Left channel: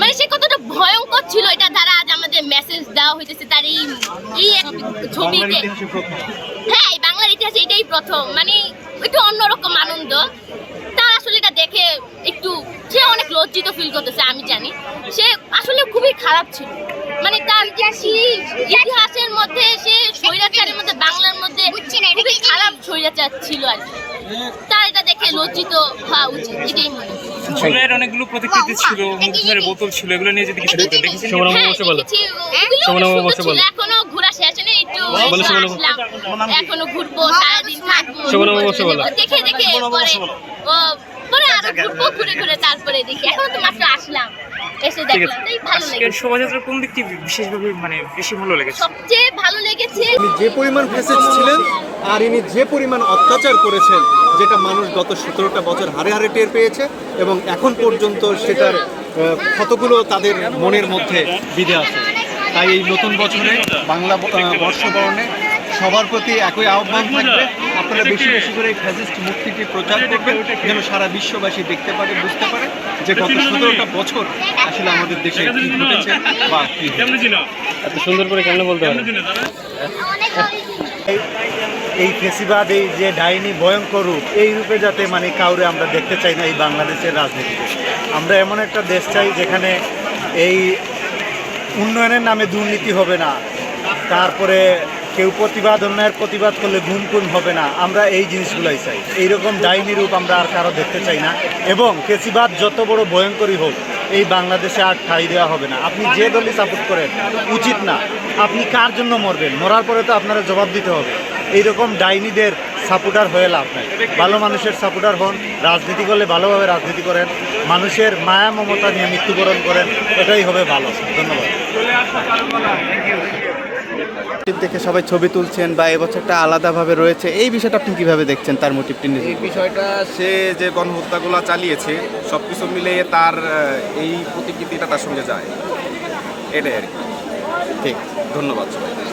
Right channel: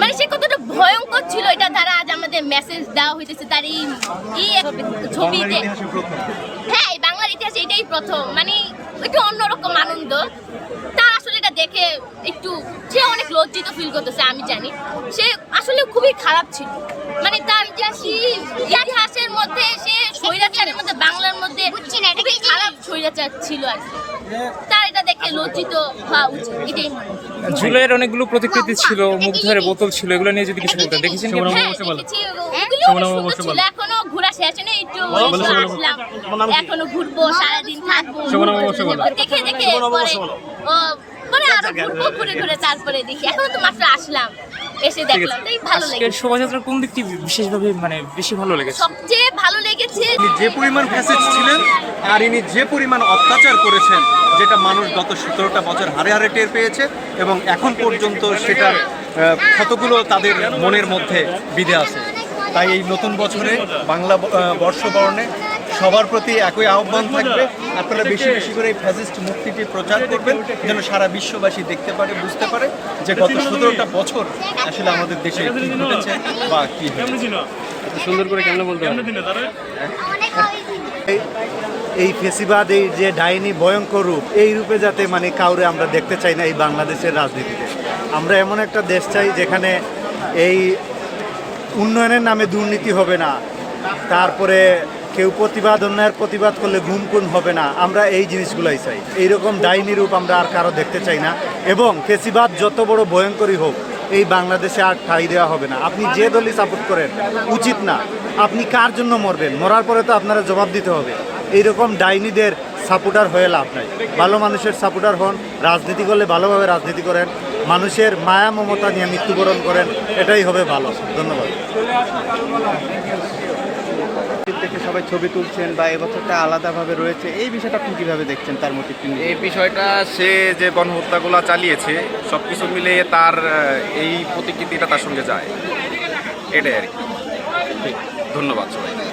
মানে সে কতটা ভয়ঙ্কর ছিল এটা দ্বারা আজ আমাদের মেসেজ দেওয়া হইতেছে তার এই এই ছবিতে। হ্যাঁ এই বাংলার ইতিহাসে এটাই প্রথম। মানে একটু অন্যরকম আনন্দ। তা আসলে এটা দেখে একটু সে অনেক লজ্জিত ফিল করতেছে আমি জানি। সে আসলে খুবই খারাপ ছিল। মানে তার ইতিহাসের মধ্যে সে স্বৈরাচারের মধ্যে বাংলার মধ্যে খুবই খারাপ স্বৈরাচার ছিল আর কি। লজ্জিত হওয়া উচিত এটাই মনে হয়। ঝুলের অনেকগুলো প্রতিকৃতি ছিল মুগ্ধের বোতল ছিল এগুলো নিয়ে যদি কিছু বলতেন দেখেছেন হ্যাঁ, ছিল। এখনও ঘোরা শেষ নেই একটু একটু আসলাম। এখনও ঘুরবো সারাদিন থাকব দেখে দেখে পরে। ও পরে আরও ঘুরবো ঘুরে ঘুরে তারপরে দেখি। এখনও তো মাত্র আসলাম এসে দেখলাম তাই ভালো লেগেছে। শোভাযাত্রার কোন দিকটি বিশেষভাবে মানে বেশি ভালো লেগেছে? সবচেয়ে ভালো লেগেছে যে পরিমাণ ফ্যাসেট ছিলেন আর ইনি যে পরিমাণ অত্যাচার করেছেন যেটা মানুষ গত সতেরোটা বছর হারে হারে টের পেয়েছে এবং এখন পর্যন্ত সেটার ক্ষতগুলো তাদের মনের মধ্যে বিধে আছে। তাই এই নতুন বছরে বাংলা বর্ষবরণে সবার প্রতি একই আহ্বান থাকবে। আপনারা বেশি বেশি করে এই ফ্যাসিস্ট মুক্তিটি প্রচার করবেন যেন সারা বিশ্ববাসী দেখতে পারে বুঝতে পারে যে গত সতেরোটা বছর আসলে আমাদের দেশে কি ঘটেছে বা কি সুন্দর করে কেন বলতে পারেন এই- ফেসিবাদ, এই যে ডাইনি ভয়ঙ্কর রূপ, এই রূপে যাতে মানে কাউরে আমরা দেখতে চাই না এই বাংলাদেশের রাজনীতিতে। আমরা এমন একটা দেশ চাই যেখানে এই উন্নয়নের নামে দুর্নীতি হবে না, তারপরে কেউ প্রতিবাদ, অন্যায়ের প্রতিবাদ করলে গুম খুন হবে না। আমরা এই জিনিসগুলোই চাই। এইরকম ডাইনি রূপ আমরা আর কারও দেখতে চাই না। এবং ফেসিবাদ যত বড় ভয়ঙ্করই হোক, এই বাংলাদেশে আর ঠাঁই দেওয়া হবে না। আপনি যে দলই সাপোর্ট করেন, উচিত না। আপনি কার জন্য মরবেন? মরার পরে তো আপনারা জবাব দিতে হবে। এইরকম ডাইনিদের সাপোর্টার হয়ে লাভ নাই। ভালো মানুষের সাপোর্টার হন রাজনীতি করলে ভালোভাবে রাজনীতি করেন মানুষের মায়া মমতা নিয়ে মৃত্যুবরণ করেন এটাই হবে ভালো। ধন্যবাদ। দেখে সবাই ছবি তুলছেন বা এবছরটা আলাদাভাবে রয়েছে এই বিষয়টা আপনি কীভাবে দেখছেন তার মোটিভটি নিয়ে? এই বিষয়টা সে যে গণহত্যাগুলো চালিয়েছে সব কিছু মিলিয়ে তার এই প্রতিকৃতিটা তার সঙ্গে যায়। এটাই আর কি। ঠিক। ধন্যবাদ সবাই